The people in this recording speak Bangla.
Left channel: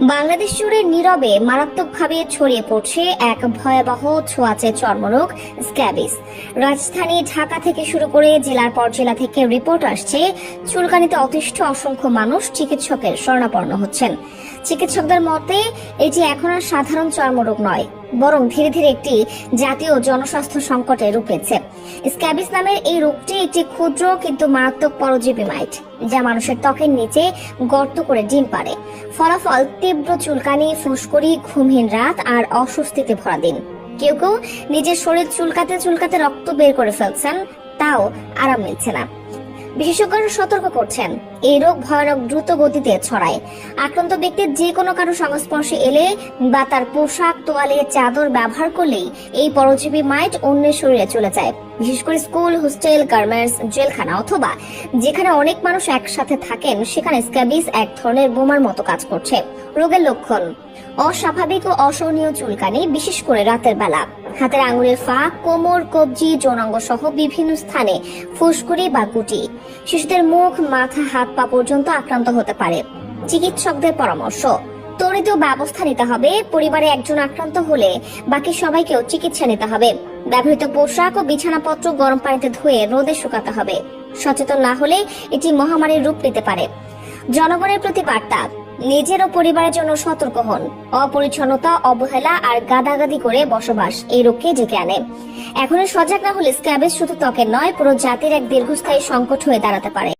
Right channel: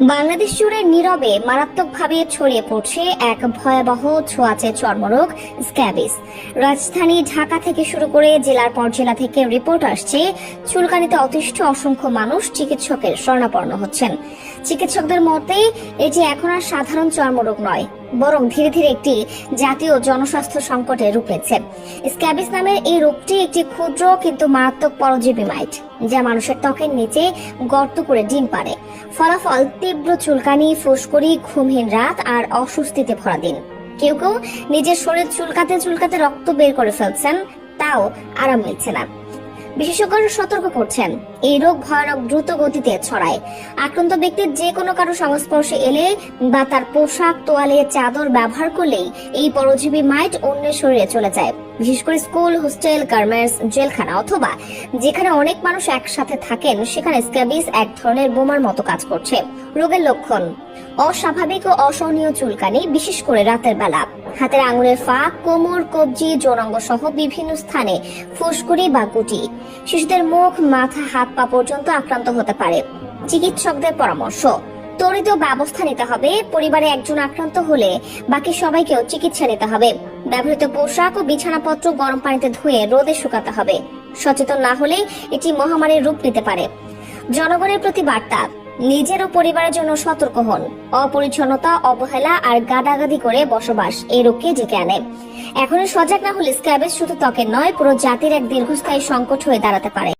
বাংলাদেশ জুড়ে নীরবে, মারাত্মকভাবে ছড়িয়ে পড়ছে এক ভয়াবহ ছোঁয়াচে চর্মরোগ স্ক্যাবিস রাজধানী ঢাকা থেকে শুরু করে জেলার পর জেলা থেকে রিপোর্ট আসছে, চুলকানিতে অতিষ্ঠ অসংখ্য মানুষ চিকিৎসকের শরণাপন্ন হচ্ছেন। চিকিৎসকদের মতে, এটি এখন আর সাধারণ চর্মরোগ নয় বরং ধীরে ধীরে একটি জাতীয় জনস্বাস্থ্য সংকটে রূপ নিচ্ছে। স্ক্যাবিস নামের এই রোগটি একটি ক্ষুদ্র কিন্তু মারাত্মক পরজীবী মাইট, যা মানুষের ত্বকের নিচে গর্ত করে ডিম পারে ফলাফল, তীব্র চুলকানি, ফুসকুড়ি, ঘুমহীন রাত আর অস্বস্তিতে ভরা দিন। কেউ কেউ নিজের শরীর চুলকাতে চুলকাতে রক্ত বের করে ফেলছেন, তাও আরাম মিলছে না। বিশেষজ্ঞরা সতর্ক করছেন এই রোগ ভয়ানক দ্রুত গতিতে ছড়ায়। আক্রান্ত ব্যক্তির যে কোনো কারও সংস্পর্শে এলে বা তার পোশাক, তোয়ালে চাদর ব্যবহার করলেই এই পরজীবী মাইট অন্যের শরীরে চলে যায়। বিশেষ করে স্কুল, হোস্টেল, গার্মেন্টস, জেলখানা অথবা যেখানে অনেক মানুষ একসাথে থাকেন, সেখানে স্ক্যাবিস এক ধরনের বোমার মতো কাজ করছে। রোগের লক্ষণ? অস্বাভাবিক ও অসহনীয় চুলকানি, বিশেষ করে রাতের বেলা। হাতের আঙুলের ফাঁক, কোমর, কবজি যৌনাঙ্গ সহ বিভিন্ন স্থানে ফুসকুড়ি বা কুটি। শিশুদের মুখ, মাথা, হাত পা পর্যন্ত আক্রান্ত হতে পারে। চিকিৎসকদের পরামর্শ, ত্বরিত ব্যবস্থা নিতে হবে, পরিবারে একজন আক্রান্ত হলে বাকি সবাইকেও চিকিৎসা নিতে হবে। ব্যবহৃত পোশাক ও বিছানাপত্র গরম পানিতে ধুয়ে রোদে শুকাতে হবে। সচেতন না হলে এটি মহামারীর রূপ নিতে পারে। জনগণের প্রতি বার্তা, নিজের ও পরিবারের জন্য সতর্ক হন। অপরিচ্ছন্নতা, অবহেলা আর গাদাগাদি করে বসবাস এই রোগকে ডেকে আনে। এখন সজাগ না হলে স্ক্যাবেজ শুধু ত্বকের নয়, পুরো জাতির এক দীর্ঘস্থায়ী সংকট হয়ে দাঁড়াতে পারে।